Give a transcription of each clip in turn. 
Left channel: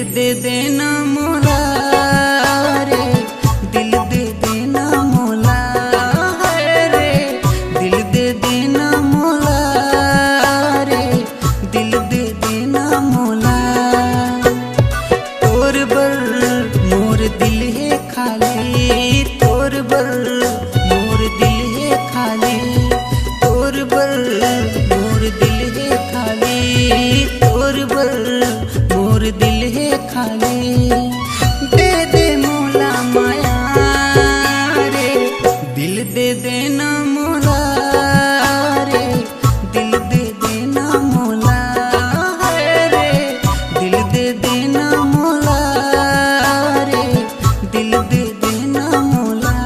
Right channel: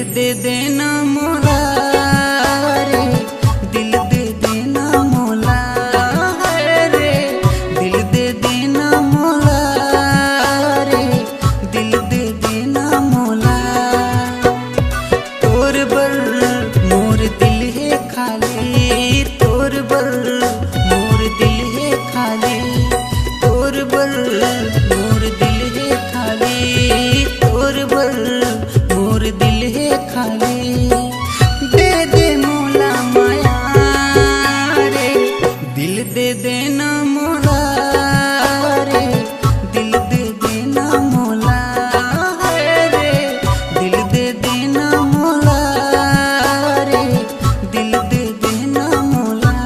दे देना मौला रे, दिल दे देना मौला रे, दिल दे देना मौला रे, दिल दे देना मौला। तोर बर मोर दिल है खाली, तोर बर मोर दिल है खाली, तोर बर मोर दिल है खाली, तोर बर मोर दिल है खाली। दे दे मौला माया रे, दिल दे देना मौला रे, दिल दे देना मौला रे, दिल दे देना मौला रे, दिल दे देना मौला।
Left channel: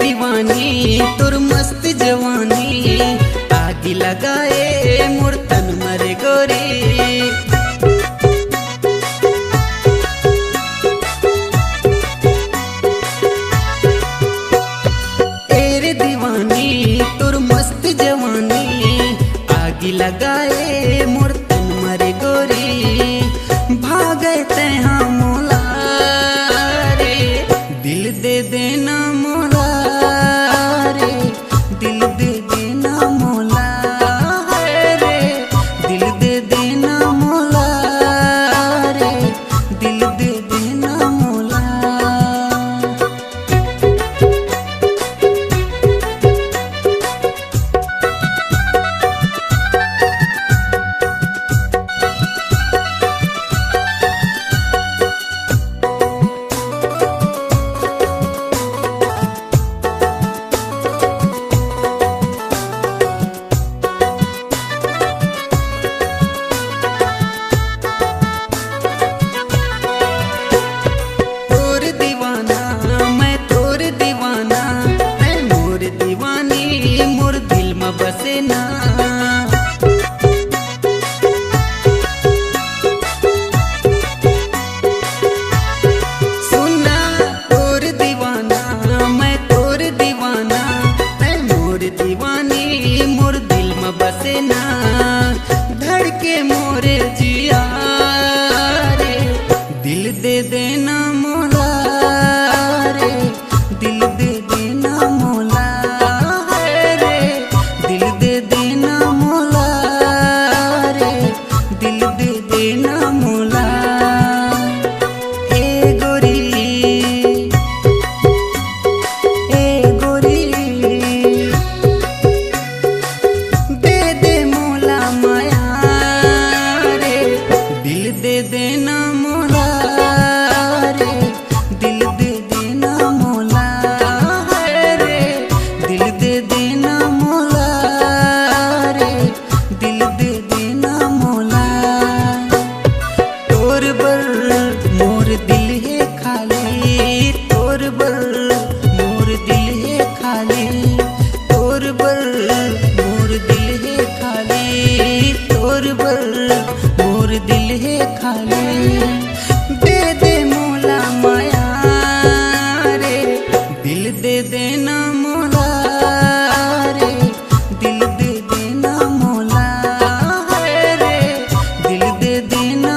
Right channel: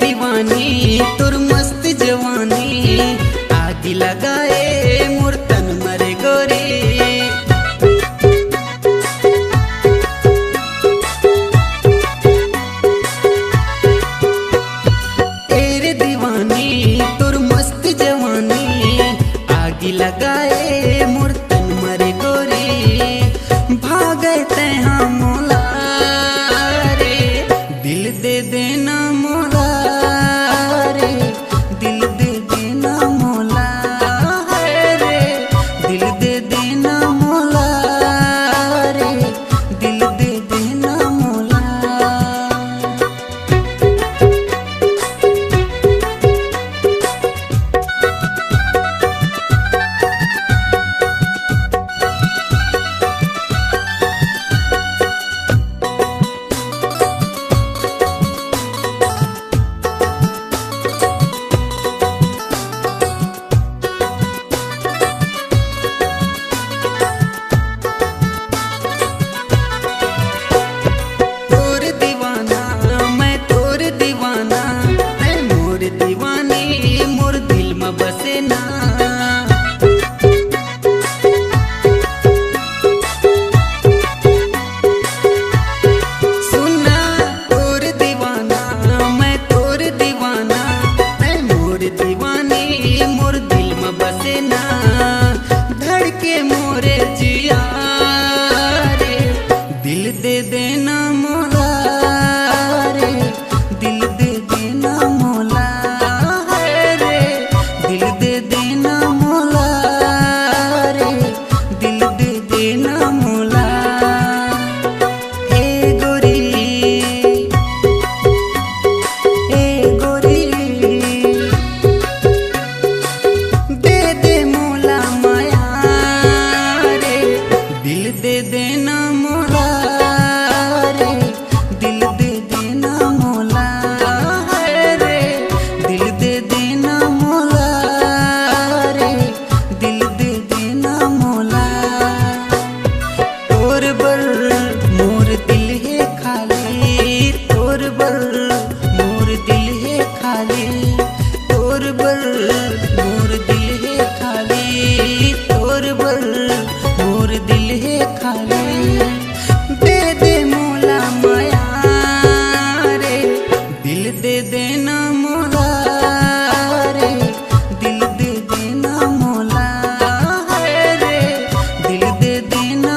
दीवानी तुर मस्त जवानी, आग लगाए मोर तन मरे गोरी। तेरे दीवानी तुर मस्त जवानी, आग लगाए मोर तन मरे गोरी। भागे तैहा मौला रे, दिल दे देना मौला रे, दिल दे देना मौला रे, दिल दे देना मौला रे, दिल दे देना मौला। दीवानी मोर दिल में बसे ना, सुना तोर दीवाना मैं तोर दीवाना, मैं मोर दीवानी मोर दिल में बसे ना। धड़के मोरे जिया रे, दिल दे देना मौला रे, दिल दे देना मौला रे, दिल दे देना मौला रे, दिल दे देना मौला। ए गोरी ए गोरी, दे दे मौला माया रे, दिल दे देना मौला रे, दिल दे देना मौला रे, दिल दे देना मौला रे, दिल दे देना मौला। तोर बर मोर दिल है खाली, तोर बर मोर दिल है खाली, तोर बर मोर दिल है खाली, तोर बर मोर दिल है खाली। दे दे मौला माया रे, दिल दे देना मौला रे, दिल दे देना मौला रे, दिल दे देना